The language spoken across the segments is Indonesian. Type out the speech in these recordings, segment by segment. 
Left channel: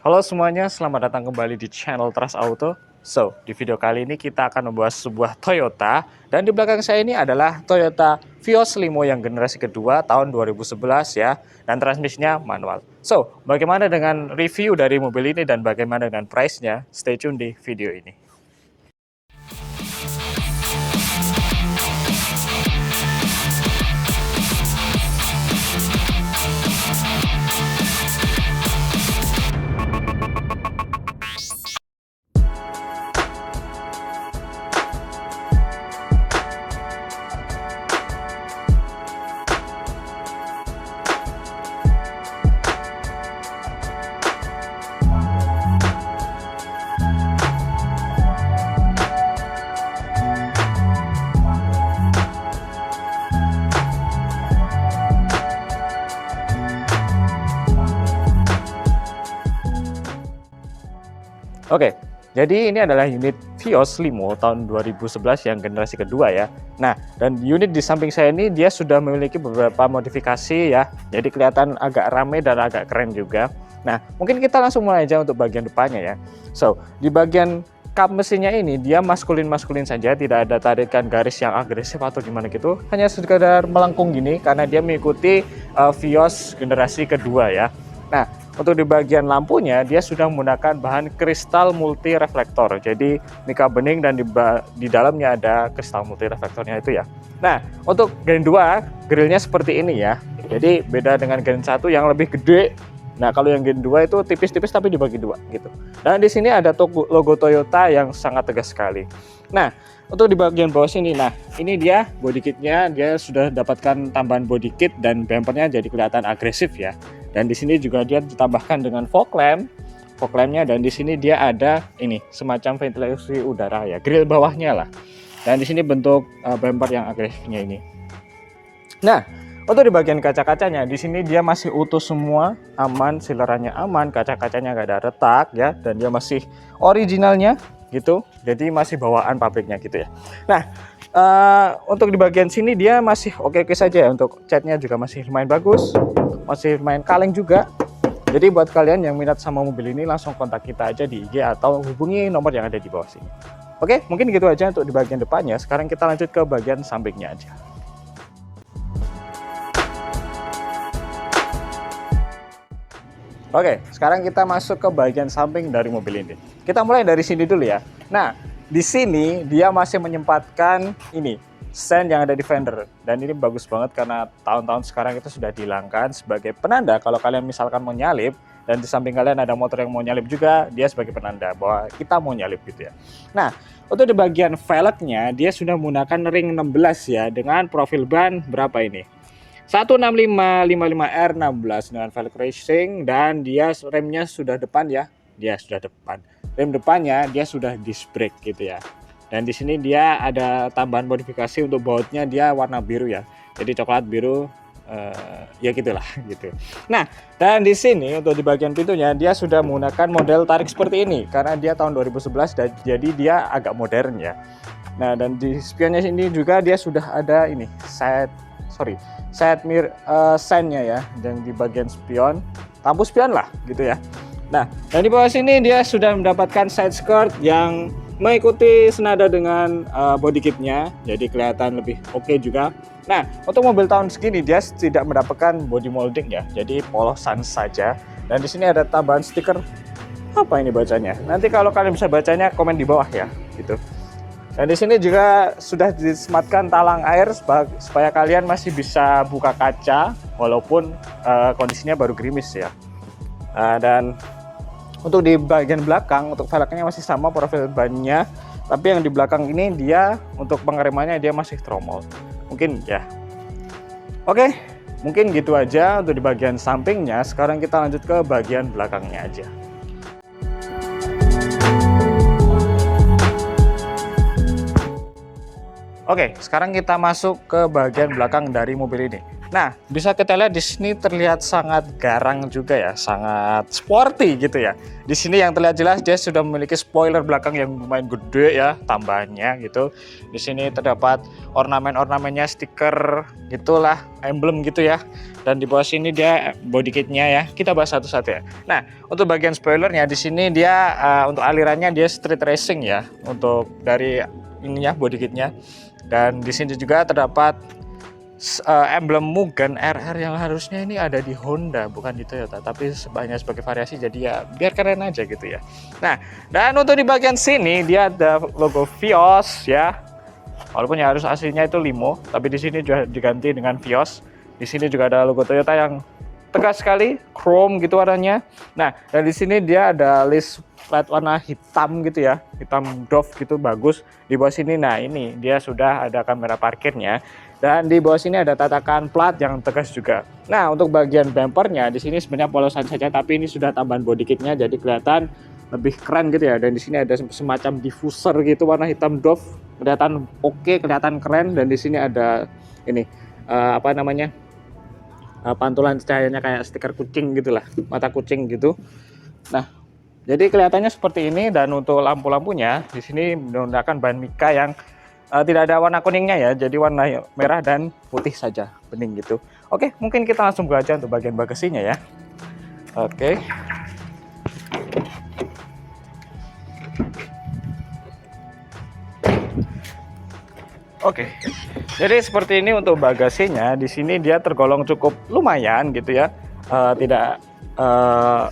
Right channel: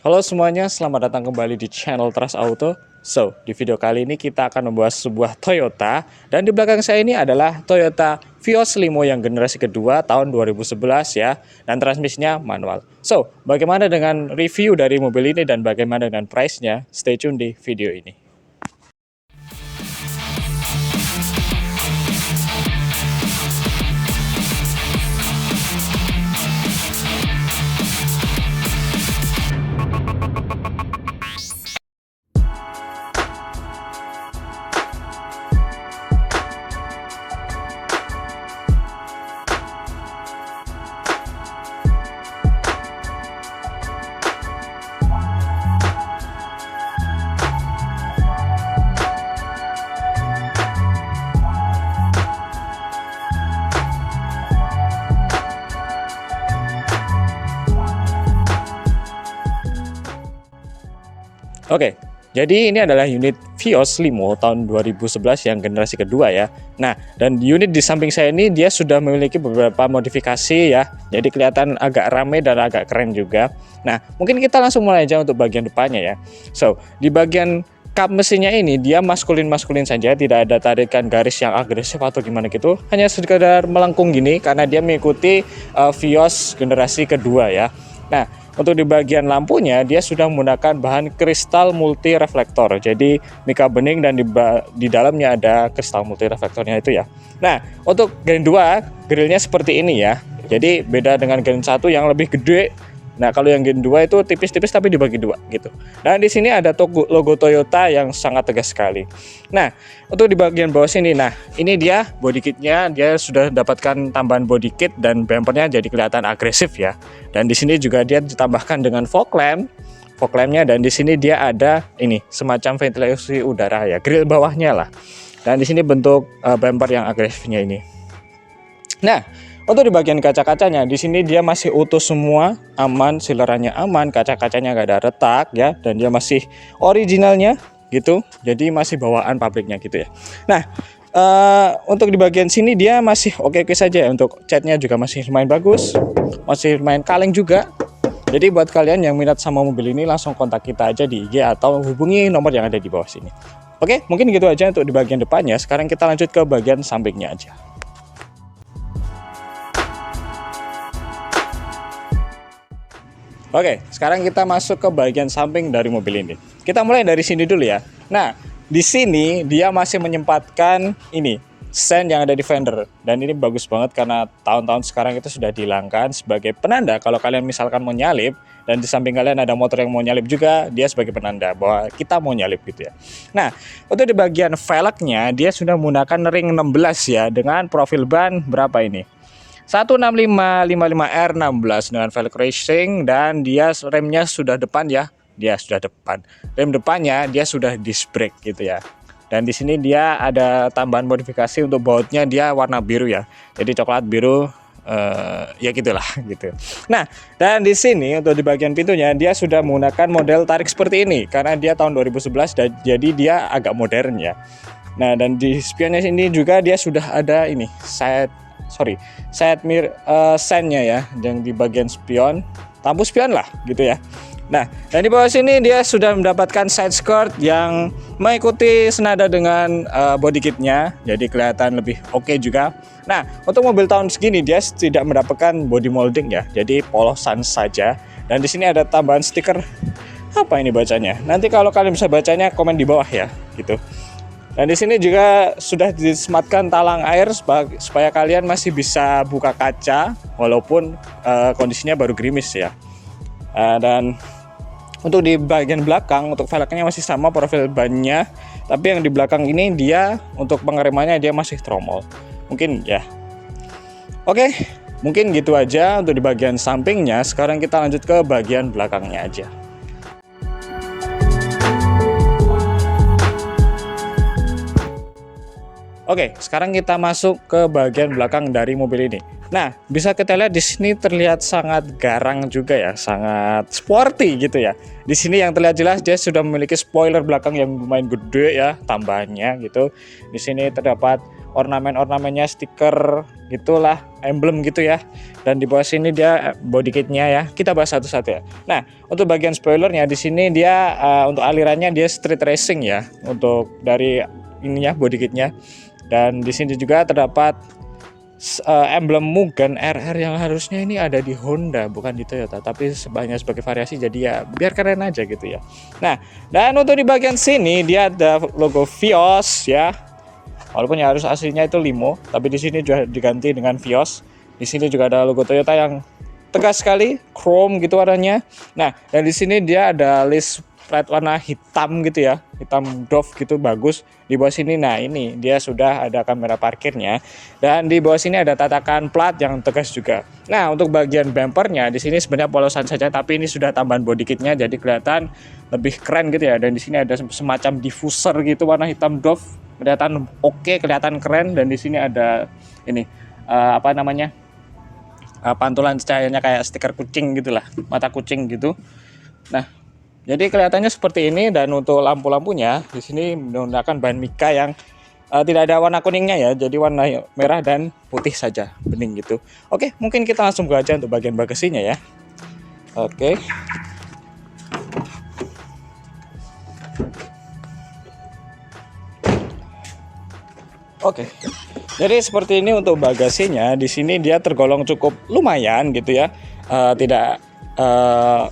Halo semuanya, selamat datang kembali di channel Trust Auto. So, di video kali ini kita akan membahas sebuah Toyota. Dan di belakang saya ini adalah Toyota Vios Limo yang generasi kedua tahun 2011 ya. Dan transmisinya manual. So, bagaimana dengan review dari mobil ini dan bagaimana dengan price-nya? Stay tune di video ini. Oke, jadi ini adalah unit Vios Limo tahun 2011 yang generasi kedua ya. Nah, dan unit di samping saya ini dia sudah memiliki beberapa modifikasi ya. Jadi kelihatan agak rame dan agak keren juga. Nah, mungkin kita langsung mulai aja untuk bagian depannya ya. So, di bagian kap mesinnya ini dia maskulin-maskulin saja, tidak ada tarikan garis yang agresif atau gimana gitu. Hanya sekedar melengkung gini karena dia mengikuti Vios generasi kedua ya. Nah, untuk di bagian lampunya dia sudah menggunakan bahan kristal multi reflektor. Jadi mika bening dan di dalamnya ada kristal multi reflektornya itu ya. Nah, untuk Gen 2 grillnya seperti ini ya. Jadi beda dengan Gen 1 yang lebih gede. Nah, kalau yang Gen 2 itu tipis-tipis tapi dibagi dua gitu. Nah, di sini ada logo Toyota yang sangat tegas sekali. Nah, untuk di bagian bawah sini, nah ini dia body kitnya, dia sudah dapatkan tambahan body kit dan bumpernya jadi kelihatan agresif ya. Dan di sini juga dia ditambahkan dengan fog lampnya, dan di sini dia ada ini semacam ventilasi udara ya, grill bawahnya lah. Dan di sini bentuk bumper yang agresifnya ini. Nah, untuk di bagian kaca-kacanya, di sini dia masih utuh semua, aman, silerannya aman, kaca-kacanya nggak ada retak ya, dan dia masih originalnya gitu, jadi masih bawaan pabriknya gitu ya. Nah, untuk di bagian sini dia masih oke-oke saja ya, untuk catnya juga masih lumayan bagus, masih lumayan kaleng juga. Jadi buat kalian yang minat sama mobil ini langsung kontak kita aja di IG atau hubungi nomor yang ada di bawah sini. Oke, mungkin gitu aja untuk di bagian depannya. Sekarang kita lanjut ke bagian sampingnya aja. Oke, sekarang kita masuk ke bagian samping dari mobil ini. Kita mulai dari sini dulu ya. Nah, di sini dia masih menyempatkan ini sen yang ada di fender, dan ini bagus banget karena tahun-tahun sekarang itu sudah dihilangkan sebagai penanda kalau kalian misalkan mau nyalip dan di samping kalian ada motor yang mau nyalip juga, dia sebagai penanda bahwa kita mau nyalip gitu ya. Nah, untuk di bagian velgnya dia sudah menggunakan ring 16 ya, dengan profil ban berapa ini? 16555R16 dengan velg racing, dan dia remnya sudah depan ya. Dia sudah depan. Rem depannya dia sudah disc brake gitu ya. Dan di sini dia ada tambahan modifikasi untuk bautnya, dia warna biru ya. Jadi coklat biru ya gitulah gitu. Nah, dan di sini untuk di bagian pintunya dia sudah menggunakan model tarik seperti ini karena dia tahun 2011 dan jadi dia agak modern ya. Nah, dan di spionnya ini juga dia sudah ada ini side mirror sign-nya ya, yang di bagian spion, lampu spion lah gitu ya. Nah, dan di bawah sini dia sudah mendapatkan side skirt yang mengikuti senada dengan body kitnya, jadi kelihatan lebih oke juga. Nah, untuk mobil tahun segini dia tidak mendapatkan body molding ya, jadi polosan saja. Dan di sini ada tambahan stiker, apa ini bacanya? Nanti kalau kalian bisa bacanya komen di bawah ya, gitu. Dan di sini juga sudah disematkan talang air supaya kalian masih bisa buka kaca walaupun kondisinya baru gerimis ya. Dan untuk di bagian belakang, untuk velgnya masih sama profil bannya, tapi yang di belakang ini dia untuk pengeremannya dia masih tromol. Mungkin ya. Oke, mungkin gitu aja untuk di bagian sampingnya. Sekarang kita lanjut ke bagian belakangnya aja. Oke, sekarang kita masuk ke bagian belakang dari mobil ini. Nah, bisa kita lihat di sini terlihat sangat garang juga ya, sangat sporty gitu ya. Di sini yang terlihat jelas dia sudah memiliki spoiler belakang yang lumayan gede ya, tambahannya gitu. Di sini terdapat ornamen-ornamennya, stiker gitulah, emblem gitu ya. Dan di bawah sini dia body kitnya ya. Kita bahas satu-satu ya. Nah, untuk bagian spoilernya di sini dia untuk alirannya dia street racing ya, untuk dari ininya body kitnya. Dan di sini juga terdapat emblem Mugen RR yang harusnya ini ada di Honda bukan di Toyota, tapi sebagai variasi, jadi ya biar keren aja gitu ya. Nah, dan untuk di bagian sini dia ada logo Vios ya, walaupun ya harus aslinya itu Limo, tapi di sini juga diganti dengan Vios. Di sini juga ada logo Toyota yang tegas sekali, chrome gitu warnanya. Nah, dan di sini dia ada list plat warna hitam gitu ya, hitam doff gitu, bagus. Di bawah sini, nah ini dia sudah ada kamera parkirnya, dan di bawah sini ada tatakan plat yang tegas juga. Nah, untuk bagian bumpernya di sini sebenarnya polosan saja, tapi ini sudah tambahan body kitnya, jadi kelihatan lebih keren gitu ya. Dan di sini ada semacam diffuser gitu warna hitam doff, kelihatan oke, kelihatan keren. Dan di sini ada ini apa namanya, pantulan cahayanya kayak stiker kucing gitulah, mata kucing gitu. Nah, jadi kelihatannya seperti ini. Dan untuk lampu-lampunya di sini menggunakan bahan mika yang tidak ada warna kuningnya ya, jadi warna merah dan putih saja, bening gitu. Oke, mungkin kita langsung buka aja untuk bagian bagasinya ya. Oke. Oke. Jadi seperti ini untuk bagasinya. Di sini dia tergolong cukup lumayan gitu ya. Tidak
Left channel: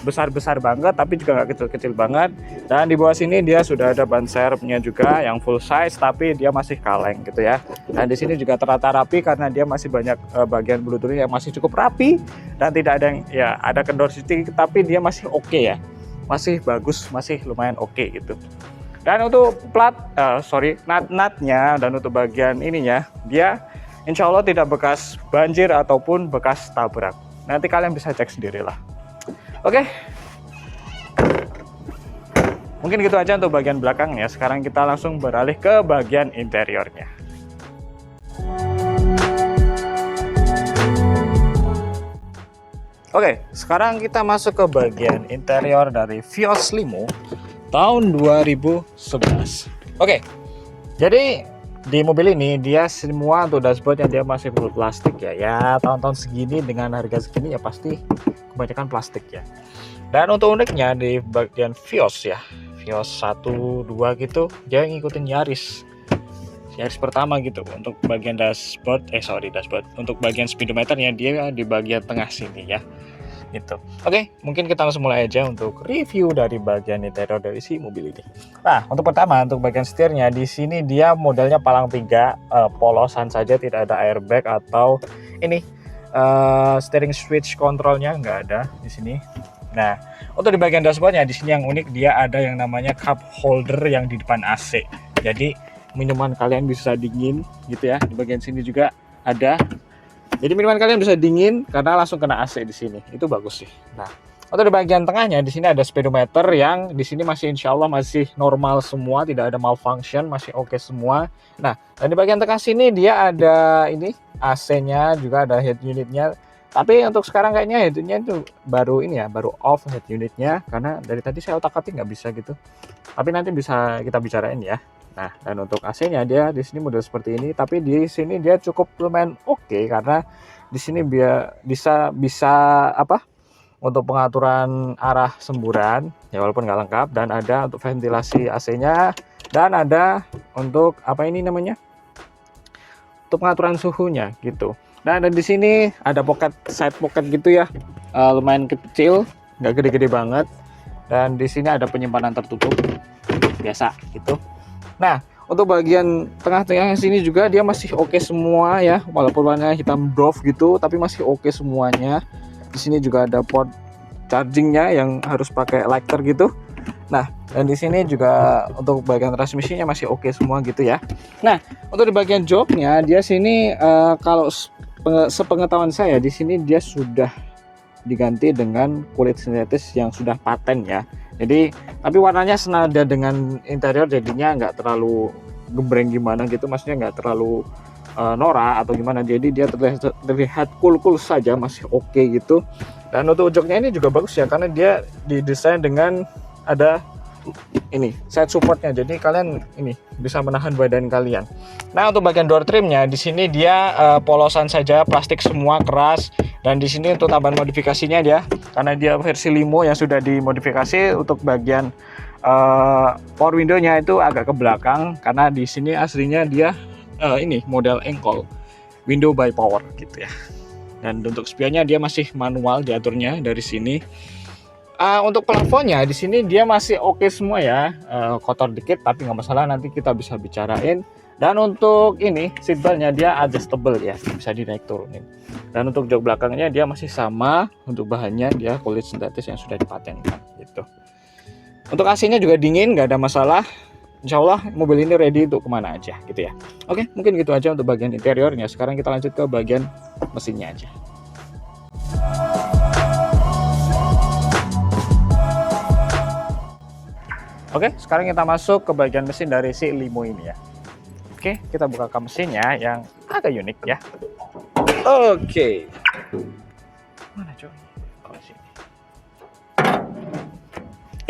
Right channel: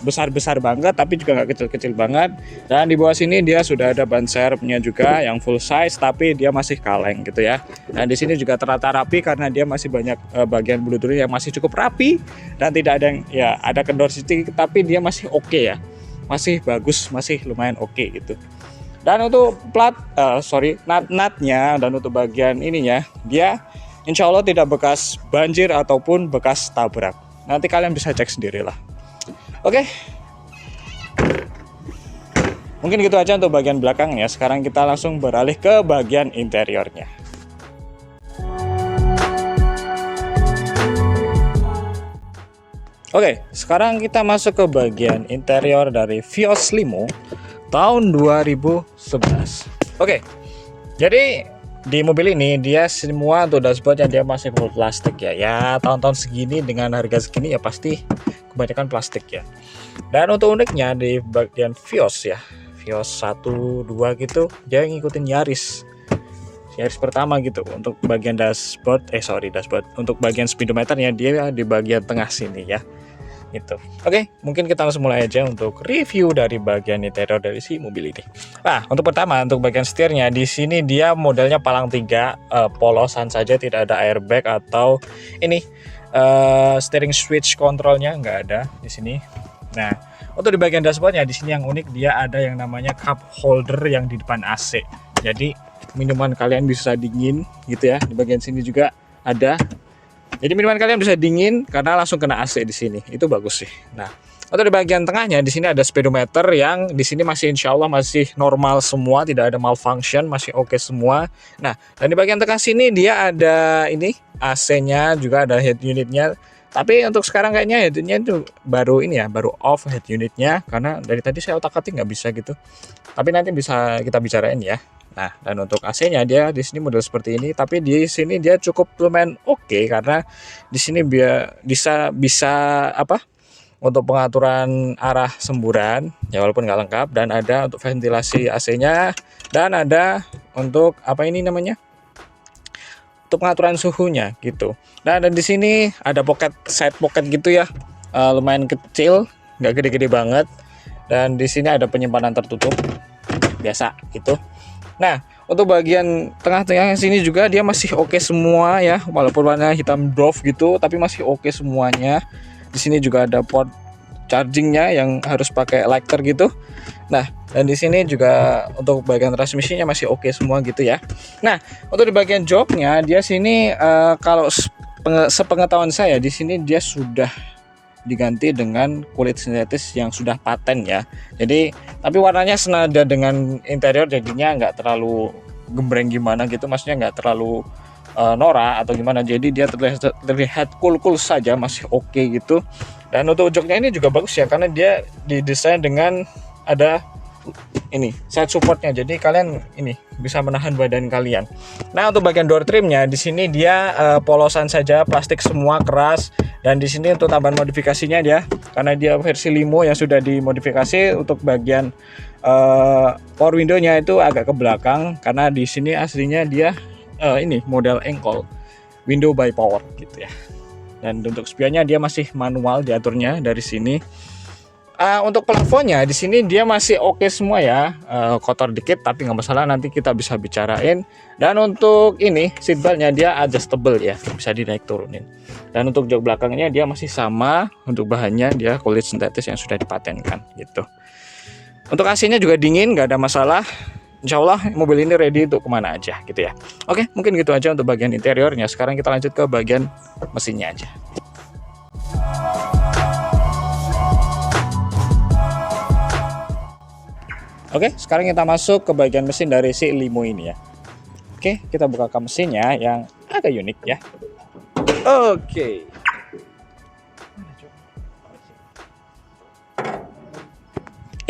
besar-besar banget, tapi juga nggak kecil-kecil banget. Dan di bawah sini dia sudah ada ban serepnya juga yang full size, tapi dia masih kaleng gitu ya. Dan di sini juga tertata rapi karena dia masih banyak bagian bluetooth yang masih cukup rapi, dan tidak ada yang ya ada kendor sedikit, tapi dia masih oke ya, masih bagus, masih lumayan oke gitu. Dan untuk nut-nutnya dan untuk bagian ininya, dia insya Allah tidak bekas banjir ataupun bekas tabrak. Nanti kalian bisa cek sendirilah. Oke, mungkin gitu aja untuk bagian belakangnya. Sekarang kita langsung beralih ke bagian interiornya. Oke, sekarang kita masuk ke bagian interior dari Vios Limo tahun 2011. Oke, jadi di mobil ini dia semua untuk dashboardnya dia masih full plastik ya. Ya tahun-tahun segini dengan harga segini ya pasti kebanyakan plastik ya. Dan untuk uniknya di bagian Vios ya, Vios 1, 2 gitu, dia ngikutin Yaris pertama gitu. Untuk bagian dashboard, untuk bagian speedometernya dia di bagian tengah sini ya. Itu. Oke, mungkin kita langsung mulai aja untuk review dari bagian interior dari si mobil ini. Nah, untuk pertama untuk bagian setirnya di sini dia modelnya palang 3, polosan saja, tidak ada airbag atau ini steering switch kontrolnya nggak ada di sini. Nah, untuk di bagian dashboardnya di sini yang unik dia ada yang namanya cup holder yang di depan AC. Jadi minuman kalian bisa dingin gitu ya. Di bagian sini juga ada. Jadi minuman kalian bisa dingin karena langsung kena AC di sini. Itu bagus sih. Nah, untuk di bagian tengahnya di sini ada speedometer yang di sini masih insya Allah masih normal semua, tidak ada malfunction, masih oke semua. Nah, dan di bagian tengah sini dia ada ini AC-nya, juga ada head unitnya. Tapi untuk sekarang kayaknya head unitnya itu baru ini ya, baru off head unitnya karena dari tadi saya otak-atik nggak bisa gitu. Tapi nanti bisa kita bicarain ya. Nah, dan untuk AC-nya dia di sini model seperti ini, tapi di sini dia cukup lumayan oke karena di sini bisa apa? Untuk pengaturan arah semburan ya walaupun nggak lengkap, dan ada untuk ventilasi AC-nya, dan ada untuk apa ini namanya? Untuk pengaturan suhunya gitu. Nah, dan di sini ada side pocket gitu ya. Lumayan kecil, nggak gede-gede banget. Dan di sini ada penyimpanan tertutup biasa gitu. Nah, untuk bagian tengah-tengah sini juga dia masih oke semua ya, walaupun warna hitam doff gitu, tapi masih oke semuanya. Di sini juga ada port chargingnya yang harus pakai lighter gitu. Nah, dan di sini juga untuk bagian transmisinya masih oke semua gitu ya. Nah, untuk di bagian joknya dia sini kalau sepengetahuan saya di sini dia sudah diganti dengan kulit sintetis yang sudah paten ya. Jadi tapi warnanya senada dengan interior, jadinya nggak terlalu gembreng gimana gitu, maksudnya nggak terlalu norak atau gimana, jadi dia terlihat cool saja, masih oke gitu. Dan untuk joknya ini juga bagus ya, karena dia didesain dengan ada ini side supportnya, jadi kalian ini bisa menahan badan kalian. Nah untuk bagian door trimnya di sini dia polosan saja, plastik semua, keras. Dan di sini untuk tambahan modifikasinya dia, karena dia versi limo yang sudah dimodifikasi, untuk bagian power window-nya itu agak ke belakang, karena di sini aslinya dia ini model engkol window by power gitu ya. Dan untuk spionnya dia masih manual diaturnya dari sini. Untuk plafonnya di sini dia masih oke semua ya, kotor dikit tapi nggak masalah, nanti kita bisa bicarain. Dan untuk ini seatbeltnya dia adjustable ya, bisa dinaik turunin. Dan untuk jok belakangnya dia masih sama, untuk bahannya dia kulit sintetis yang sudah dipatenkan gitu. Untuk AC-nya juga dingin, nggak ada masalah. Insya Allah mobil ini ready untuk kemana aja gitu ya. Oke, mungkin gitu aja untuk bagian interiornya. Sekarang kita lanjut ke bagian mesinnya aja. Oke, sekarang kita masuk ke bagian mesin dari si limo ini ya. Oke, kita buka mesinnya yang agak unik ya. Oke. Mana coba?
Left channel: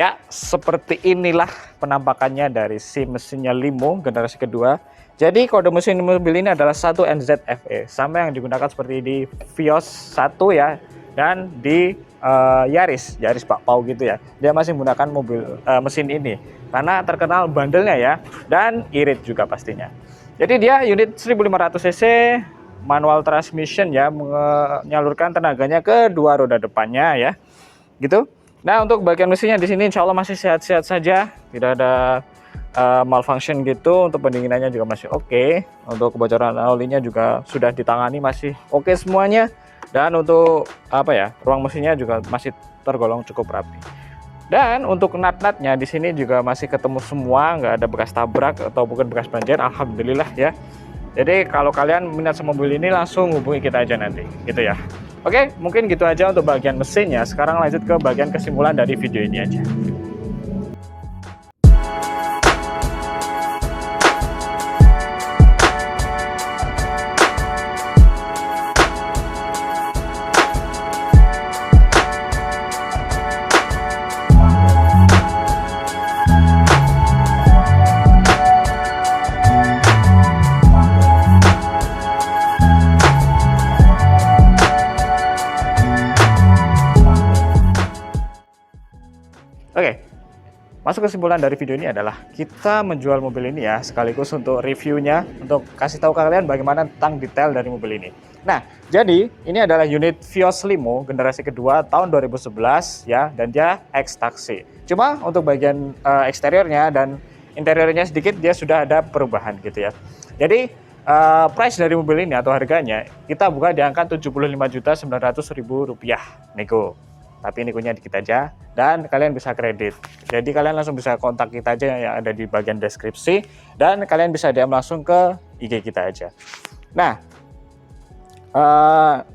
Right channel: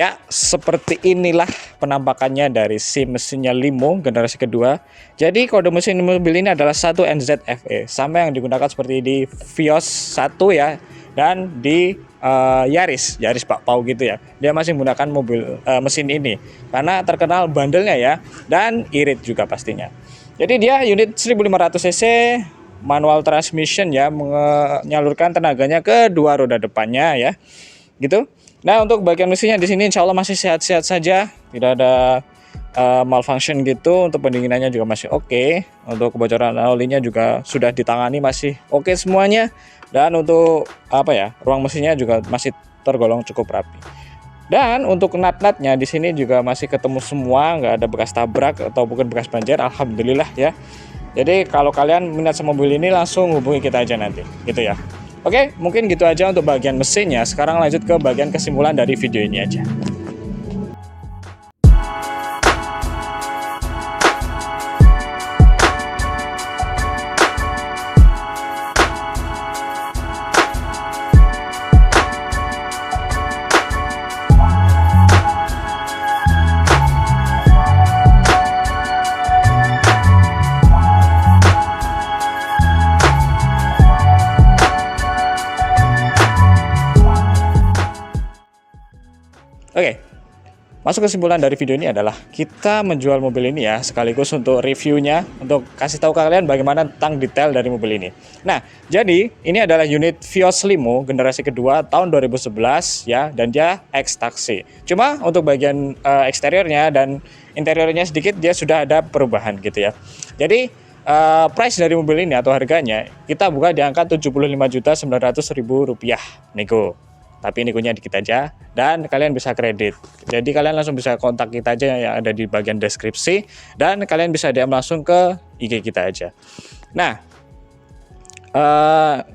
Ya, seperti inilah penampakannya dari si mesinnya limo generasi kedua. Jadi kode mesin mobil ini adalah 1 NZFE, sama yang digunakan seperti di Vios 1 ya, dan di Yaris bakpao gitu ya. Dia masih menggunakan mesin ini karena terkenal bandelnya ya, dan irit juga pastinya. Jadi dia unit 1500 cc, manual transmission ya, menyalurkan tenaganya ke dua roda depannya ya, gitu. Nah untuk bagian mesinnya di sini insya Allah masih sehat-sehat saja, tidak ada malfunction gitu. Untuk pendinginannya juga masih oke. Untuk kebocoran olinya juga sudah ditangani, masih oke semuanya. Dan untuk ruang mesinnya juga masih tergolong cukup rapi. Dan untuk nut-nutnya di sini juga masih ketemu semua, nggak ada bekas tabrak atau bukan bekas banjir, alhamdulillah ya. Jadi kalau kalian minat sama mobil ini langsung hubungi kita aja nanti, gitu ya. Oke, mungkin gitu aja untuk bagian mesinnya. Sekarang lanjut ke bagian kesimpulan dari video ini aja. Oke, masuk kesimpulan dari video ini adalah kita menjual mobil ini ya, sekaligus untuk reviewnya, untuk kasih tahu ke kalian bagaimana tentang detail dari mobil ini. Nah, jadi ini adalah unit Vios Limo generasi kedua tahun 2011 ya, dan dia X-Taxi. Cuma untuk bagian eksteriornya dan interiornya sedikit dia sudah ada perubahan gitu ya. Jadi price dari mobil ini atau harganya kita buka di angka Rp75.900.000 nego. Tapi negonya dikit aja dan kalian bisa kredit. Jadi kalian langsung bisa kontak kita aja yang ada di bagian deskripsi, dan kalian bisa DM langsung ke IG kita aja. Nah,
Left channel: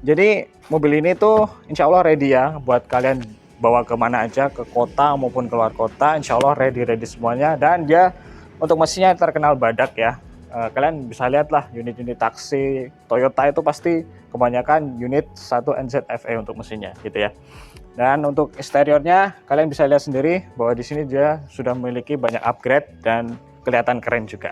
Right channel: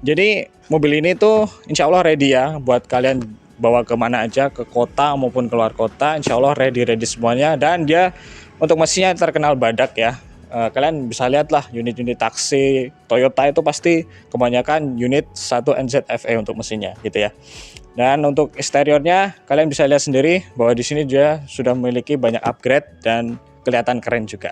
jadi mobil ini tuh insya Allah ready ya buat kalian bawa kemana aja, ke kota maupun keluar kota. Insya Allah ready semuanya, dan dia untuk mesinnya terkenal badak ya. Kalian bisa lihatlah unit-unit taksi Toyota itu pasti kebanyakan unit 1 NZFE untuk mesinnya gitu ya. Dan untuk eksteriornya kalian bisa lihat sendiri bahwa di sini dia sudah memiliki banyak upgrade dan kelihatan keren juga.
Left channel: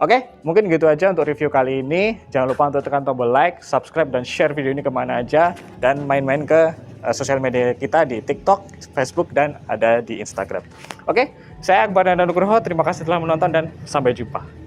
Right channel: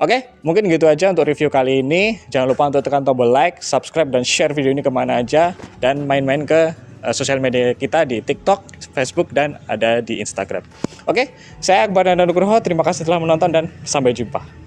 Oke, mungkin gitu aja untuk review kali ini. Jangan lupa untuk tekan tombol like, subscribe, dan share video ini kemana aja, dan main-main ke sosial media kita di TikTok, Facebook, dan ada di Instagram. Oke, saya Akbar dan Nugroho. Terima kasih telah menonton dan sampai jumpa.